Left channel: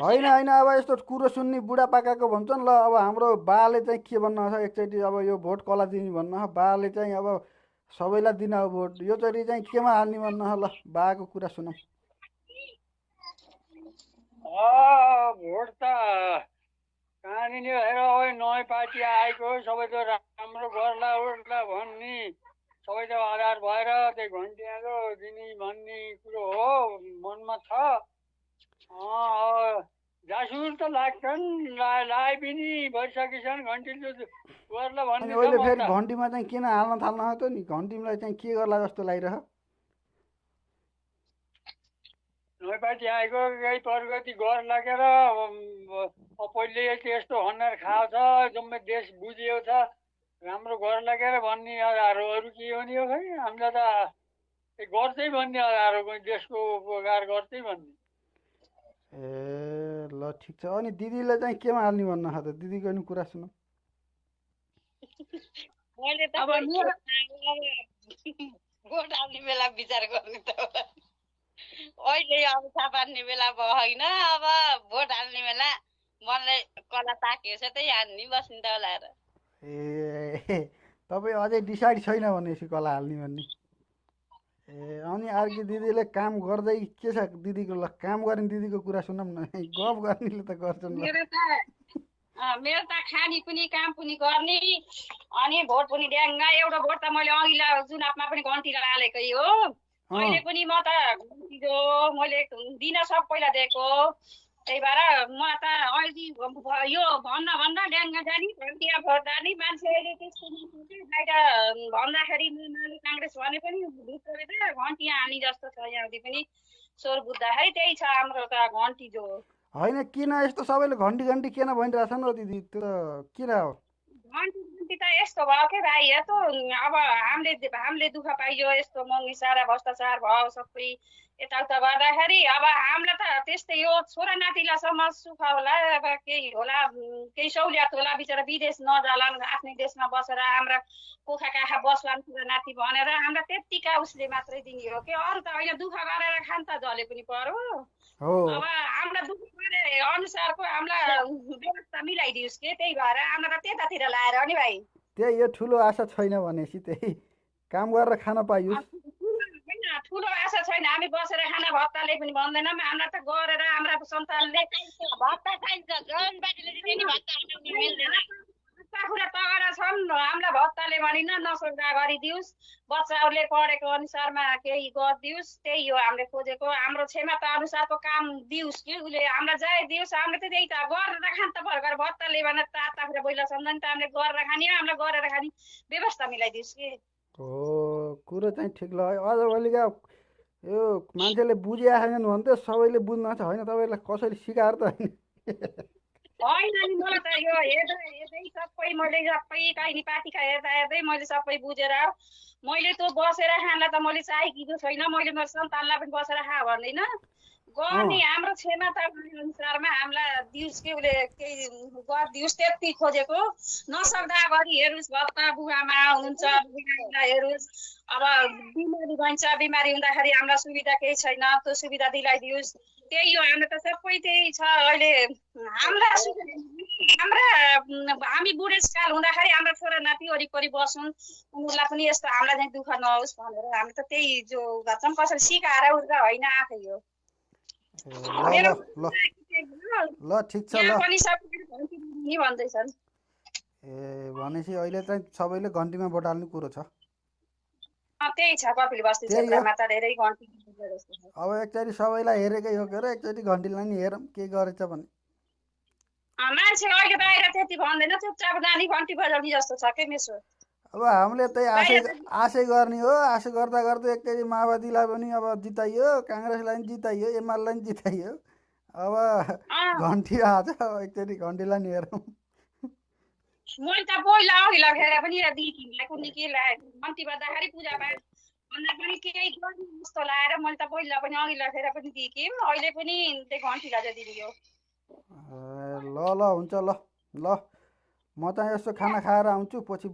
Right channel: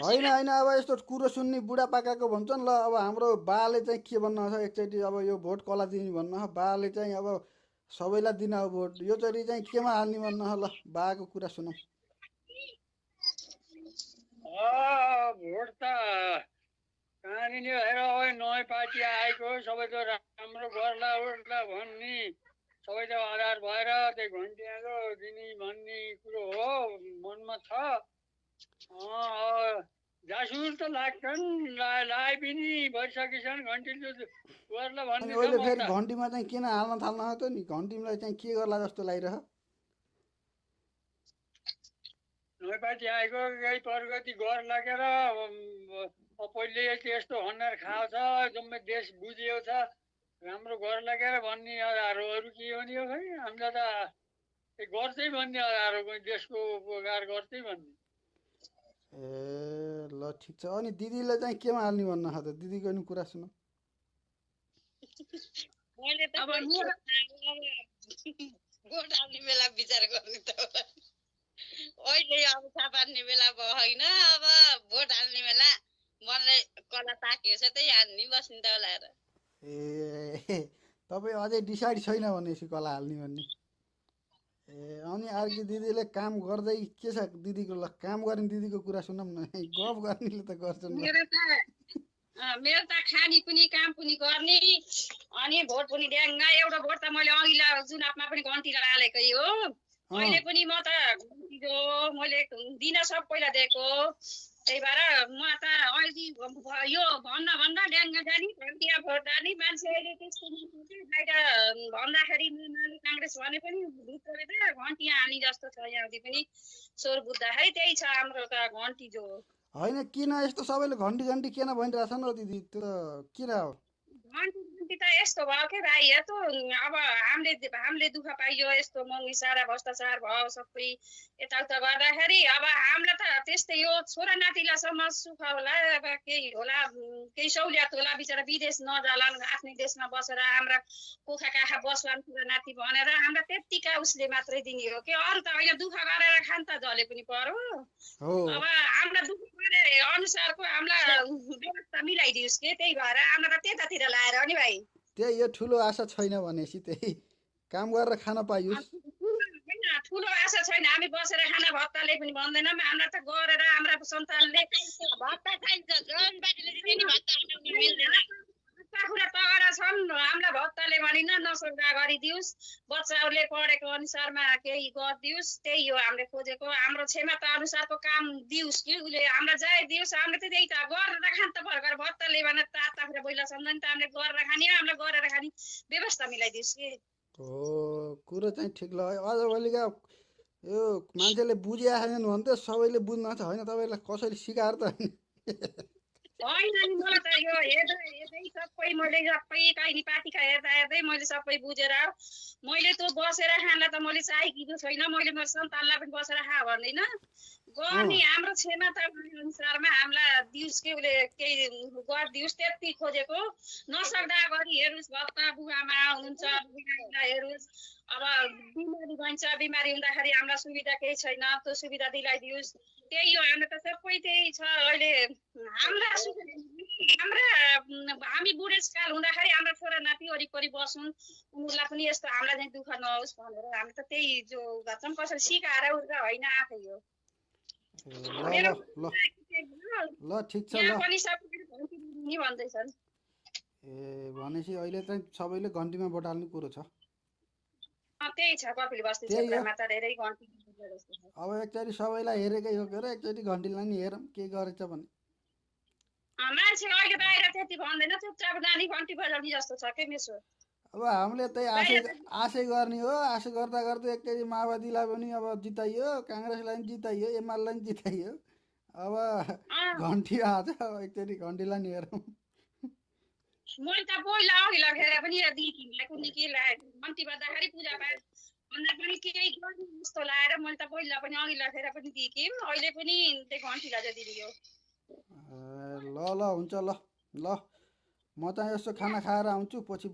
होइन होइन अब यस्तो कुरो सुन्ने बुढापाकाको भन्छन् ल। अब हाम्रो बाले चाहिँ के भन्नु छ एकचोटि, अब यो भोट कसलाई दिने भन्नु छ बाले चाहिँ। अब सबैलाई दिन अब भोट, योचोटि चाहिँ केमा हाल्ने भन्नु छ ल, बाको कुरा सुनौँ। भोट त कहाँनिर हेर नयाँ पार्टी आएको सबै त राम्रो गर्ला उर्ला भन्ने सबै त आधार भएर त्यही घन्टियाको दिने भन्ने कुरो हो मनमा छ। जासुस त लाग्छन्, लाए पनि भइसकेछन् घन्टीले गर्ला अनि भन्ने छ अहिले म फेरि त। घन्टीमा चाहिँ किन हाल्न थाल्न त नि, घन्टीलाई चाहिँ के गर्ला जस्तो लागिरह। नयाँ पार्टी आएको केही प्रगति गर लागेर पहिले त्यस्तो हन्डर खाएको छ, जम्मै देश बुझिएको छ, राम्रो गर लागेर भन्ने अरू के हो नि हो खै। हामीलाई त गर्छै भन्ने अरू देशको उपकार गर्छै भन्ने। ए ल ठिक छ। अनि दिदीले चाहिँ केमा हाल्ने भन्नु छ त, दिदीको नि कुरा सुनौँ। मैले त भोट हाल्ने बेला विचार गर्ने त अहिले अब थाहा पार्ने बेला भयो होइन। अब भोट हाल्ने बेला मनले कला ताकिएको छ त्यही हाल्ने बस्ने त होला र। ए तपाईँ अझै डिसाइड छैन भनेपछि कसलाई हाल्ने भन्ने। ए अनि अर्की दिदीले काम गर्दै के छ दिदीको, ल काम गर्ने दिदीको कुरा सुनौँ न। गफ गर्नेले त गर्छन् ल। मेरो त खाने पनि काम पनि गर्ने अनि भोट पनि ड्याङ्गा। एउटा भोट त मैले अघिल्ला चुनावमा पनि घन्टी हालेकै हो। अहिले पनि म त मैले दिन सबैलाई दिएको, त्यही भएर म त अहिले यो भन्दा ड्याङ्गा जाने घन्टिया भोट जाने मान्छेले त्यस्तो बाहिर भन्दाखेरि माले काङ्ग्रेस भने पनि भित्रभित्र घन्टिया हाल्ने जस्तो छ। यहाँदेखि पनि स्वर बुझ्दाखेरि त्यही छ हाम्रो त घन्टी जो। होइन किन यस्तो सबैले घन्टी घन्टी किन भनिरहेछन् हो दिदी, त्यो किन हो? घन्टी त यस्तो भयो के भाइ, यस्तो अब हामीले दुःख पाइयो, यस्तो महँगी सारा भ्रष्टाचार भयो सबै यताउता गर्दाखेरि अब हामीलाई त त्यस्तै हो। छोरा नातिलासम्म सुख होला, अब केही होला, केही सहुलियत होला, बिचरा विदेश नजालान्, आफ्नै देशमा बसेर हाम्रा पोखा काखा बस्लान् छोरा नाति भनेर हामीलाई त्यत्तिका उसले मात्रै दिने हो कि। अरू त होइन दुःख गरेर खान त जले पनि पर्यो। अब हामीलाई दुःख गरे अनुसारको हामीलाई व्यवस्था मिलाइदियोस् के, त्यही भएर हामीलाई त त्यतातिर लाएर नि भाइ। त्यही यो ठुलो आशा छैन भनेपछि त्यही काम गरेर खान पाइयोस्। ठुलो आशा छैन, हामी बसेर खाना भत्ताले पनि भन्दैनौँ। हामीलाई त गरेर हाम्रा सन्तानले भत्ता खाइन्छ, कुरा तगडा छन्, हामीलाई भत्ताले भनिन नसुविधा गरिदियोस्, बच्चाहरूले पढेको अनुसारमा केही गरिदियोस्, त्यही हो हामीले खोजेको। हाम्रो क्षमता अनुसारको काम दियोस् कि उसले हामीलाई जाय दियोस्। हामीले त त्यही त गरेर खान त भर्खर भत्ताले भनेर ताता कुरा बोइला सम्झन् त हामीले गरेर खाने हो। हामीलाई गरेर खाने व्यवस्था मिलाइदियोस् कि। हो कुरो चाहिँ ठिक ल। आजभोलिका यो मान्छेले बुझिया छैनन् भने त सबैले बुझ्न छ होइन, तपाईँलाई कसैले सिकाएर त होइन नि मलाई त यो हेर्दै सबै मैले सबै काहीँ पार्टीका हेर्दै मैले सबै बुझेर मैले त बसेर खानलाई त मैले चाहेको छैन। मैले मेरो सन्तानलाई पनि बसेर खा भन्दैन, गर्ने हाम्रो क्षमता अनुसारमा हामीलाई दियोस् कि उसले केही गरिदियोस् त्यति खोजेको। नसक्दा गरी हेरोस्, भत्ता बुवामा हुनुहुन्छ हेरोस्। अब बिमारी भन्छ, बिमारी हुँदाखेरि हामीलाई सुविधा केही छैन, त्यो सुविधा दिलाइदियोस्। त्यही हो, हाम्रो त सबै त्यही छ। अहिले हामी बुढेसकाल हुँदाखेरि हाम्रो छोरा नाति वरिपरि बस्छन्, उनीहरूलाई पनि यस्तो हामीलाई चाहिँ दुःख नहोस् भनेर हामी त त्यही जो गर्छौँ। कसरी सिकाएर उर्का होइन आफै हो। ल ठिक छ ल भन्दैछन्। ए भनेपछि अहिले चाहिँ सबैले घन्टीमा भोट हाल्ने कुरो छ। त्यही छ कपिल बस्ती क्षेत्रमा त धेरै घन्टी। अब एकचोटि सबैलाई हेरेकै हो के अरे, एकचोटि घन्टीलाई नि हेरौँ के गरेछ भने। मान्छे अहिले बाहिर त्यति भन्दैन, चुपचाप नानी घन्टी बजाउने जस्तो छ के मेसो। अब हामीले त्यही आशै गर्ने हो। आशा गर्दा गर्दै एकचोटि माओवादीलाई पनि अब जिताइयो, काङ्ग्रेसलाई पनि जिताइयो, एमालेलाई पनि जिताइयो। अब घन्टी आज एकचोटि घन्टीलाई नि हेरौँ। मैले त पहिला अघि लगेर पनि दिदीलाई कुनै के घन्टी बज्दाखेरि पूजापाठ भन्दा पनि केही गर्ने जस्तो लगाएर मैले त पहिला पनि अघि लगेर पनि दिएँ। अहिले पनि त्यो घन्टी लगाएर दिदियो। ल ल हुन्छ ल ल, म चाहिँ यसो खाना खाएर आउँछु पछि